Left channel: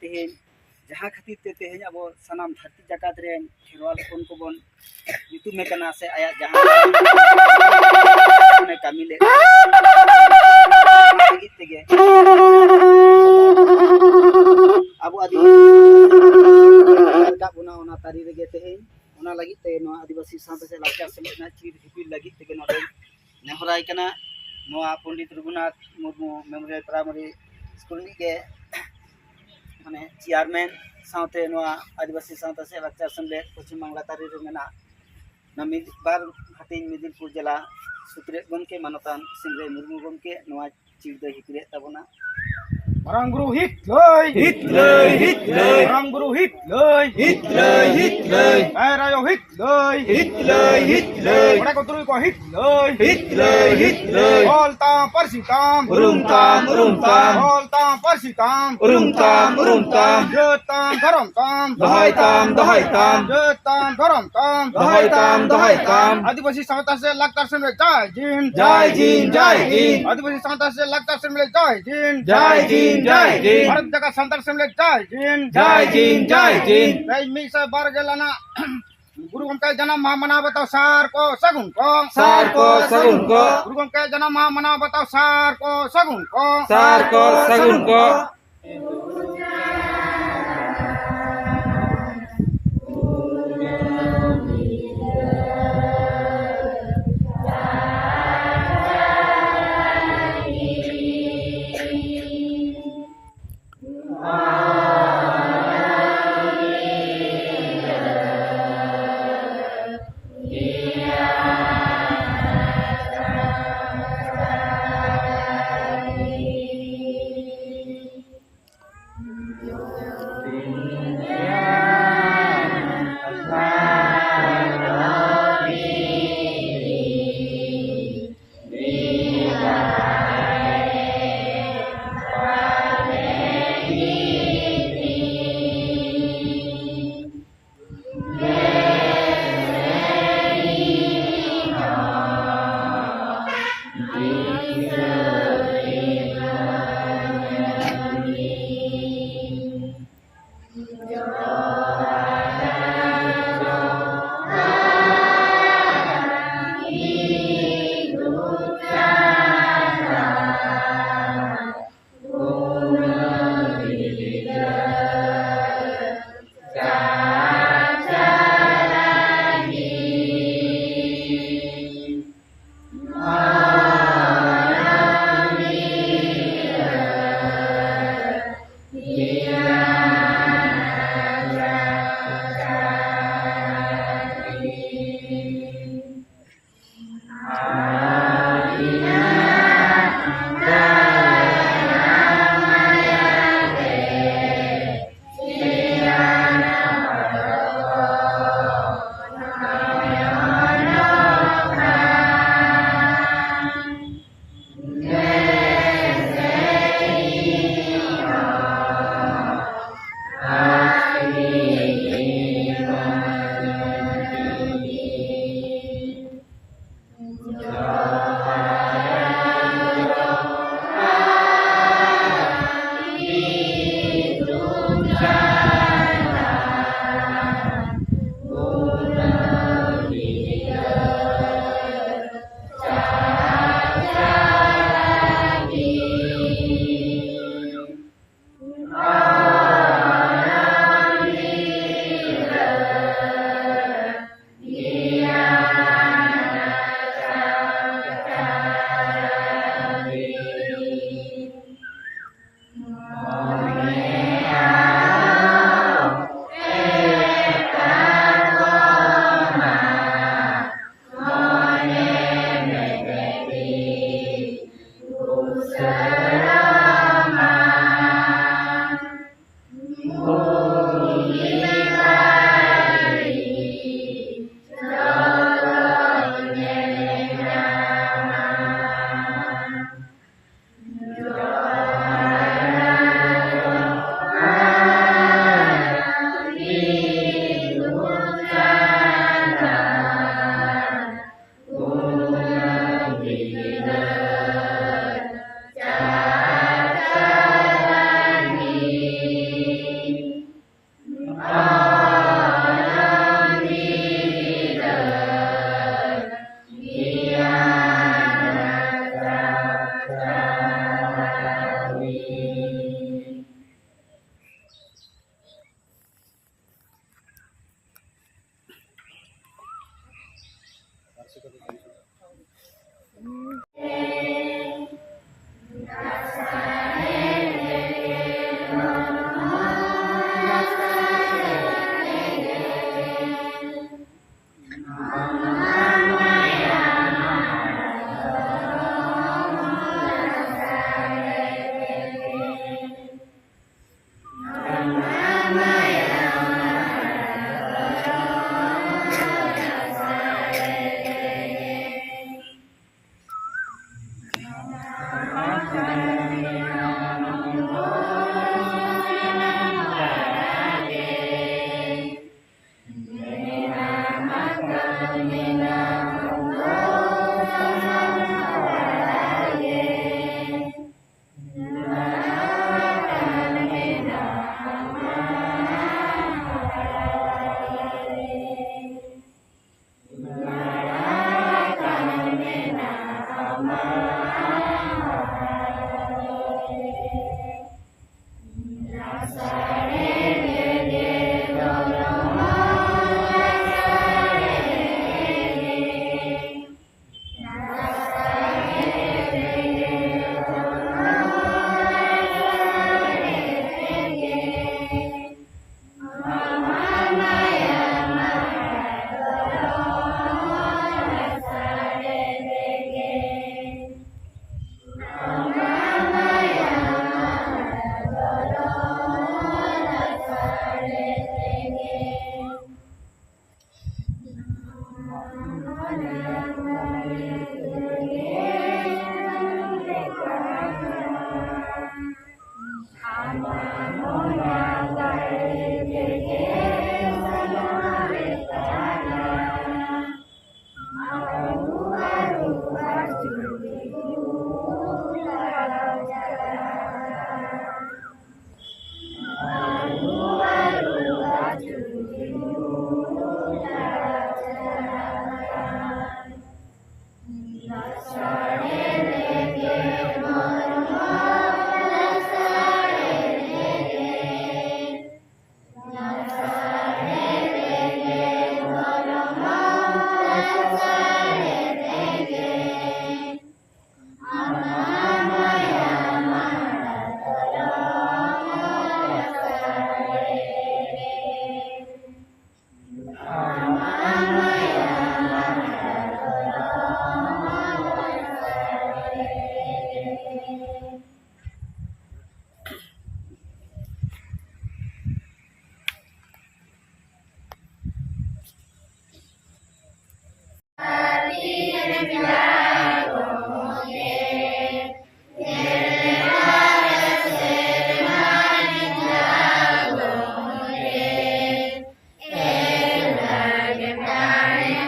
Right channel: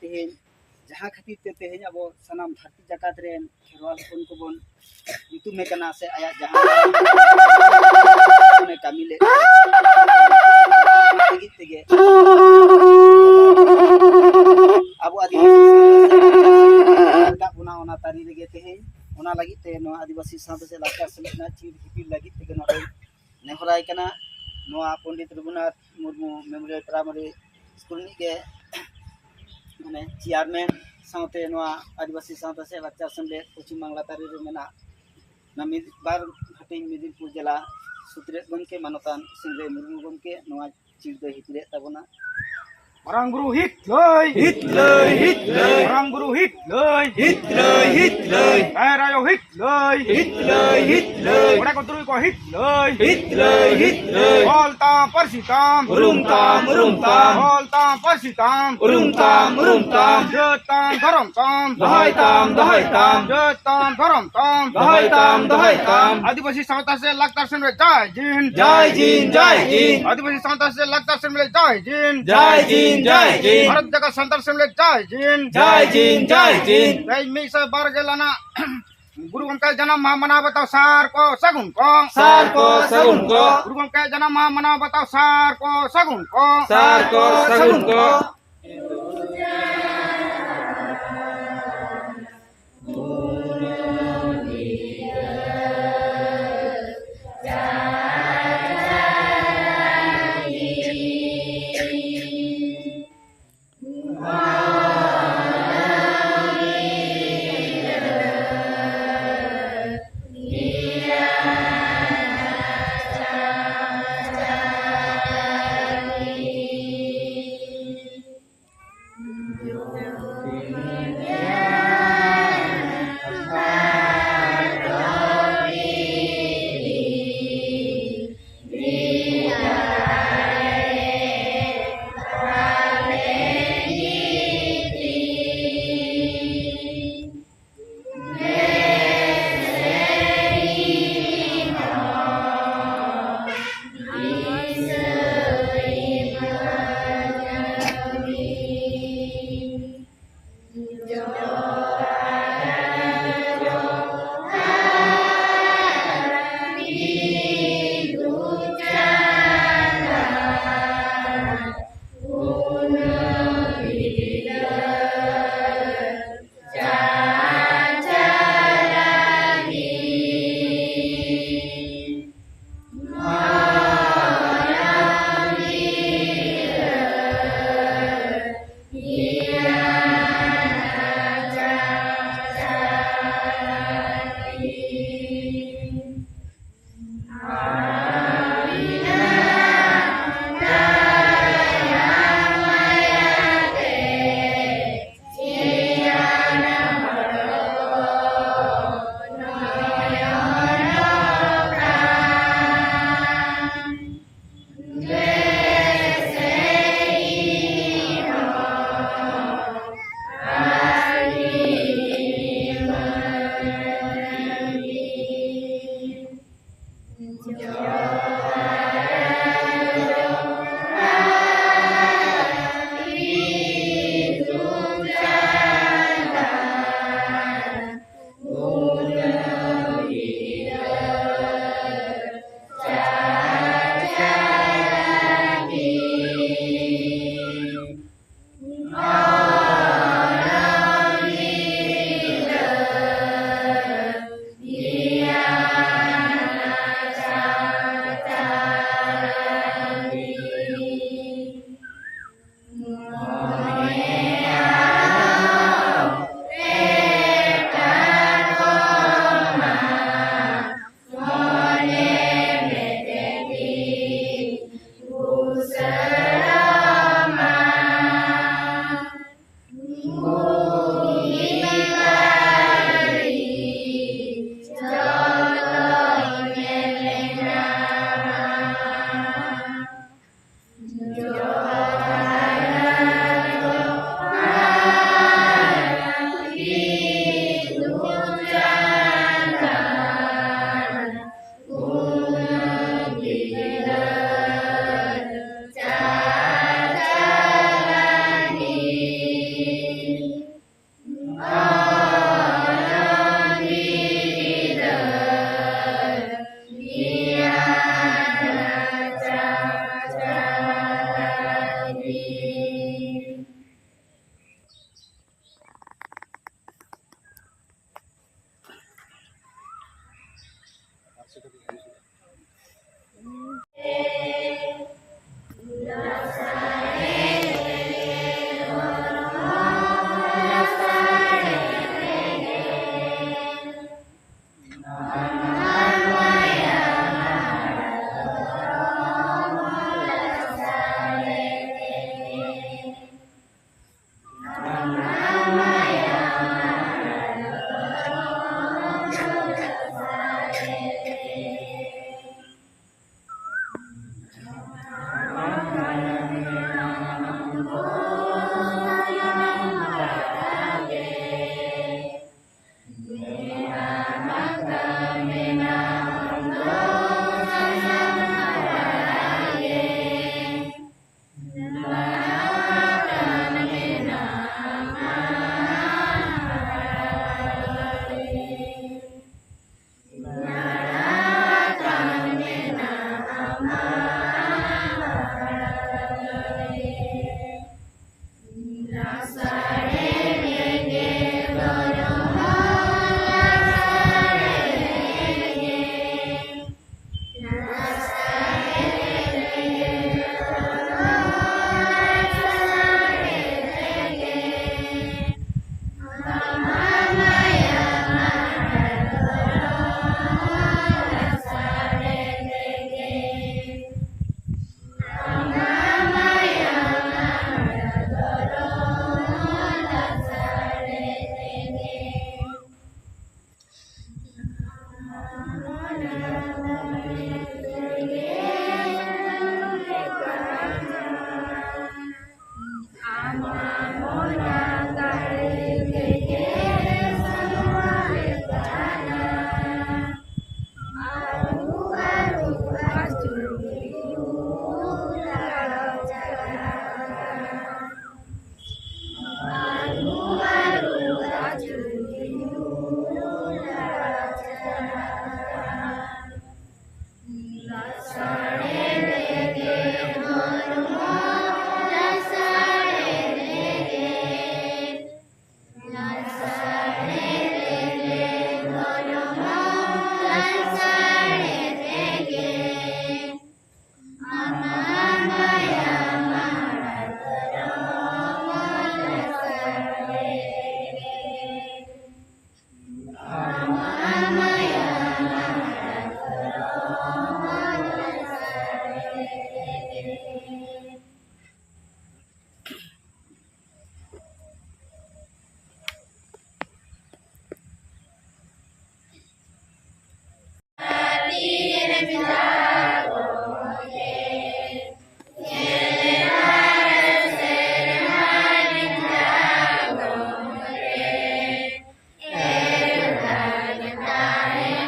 तेहें जहाँ खातिर ते तेहें अब सनाम धरती जकात रेन खेरवाल हपन को बन युतुमे कना से आया जहाँ ने कामी ले लगित तेगे अब आदिवासी का बुना ओना तारी रेगे तेहें ओना लगित तेगे नो आदिवासी साथ से लाचा से ना चीर हिपिल लगित तेगे नो नेहराय कना no Pandit Raghunath Murmu memorial primary school निगे माने चेयरमैन साथे नोआ आदिवासी सावता से लाचार सेमलेद पश्चिम बांगला तारी रे मेना ना बार हाटिंग मिदिलपुर जिला सुत्रे गमके मानतान सिंगरे मुर्मू गमके नोआ चीर दो हिकरे ताबोना Marang guru hit lay Marang guru hit lay Rayo hit lay Mereka turun ko hit lay Volta persitam Urung tam Volta persitam Urung tam Jotam garam tam Dahai tam Jotam garam tam Dahai tam Adivasi samata se laktar se mere jai jin Adivasi samata se laktar se mere jai jin Bharat जगह संतर से जय gene जय मी से बार गेलाना गुरु के जन्म महा मना बताओ सार को सगुन को गुरु के जन्म महा मना बताओ सार को सगुन को Memorial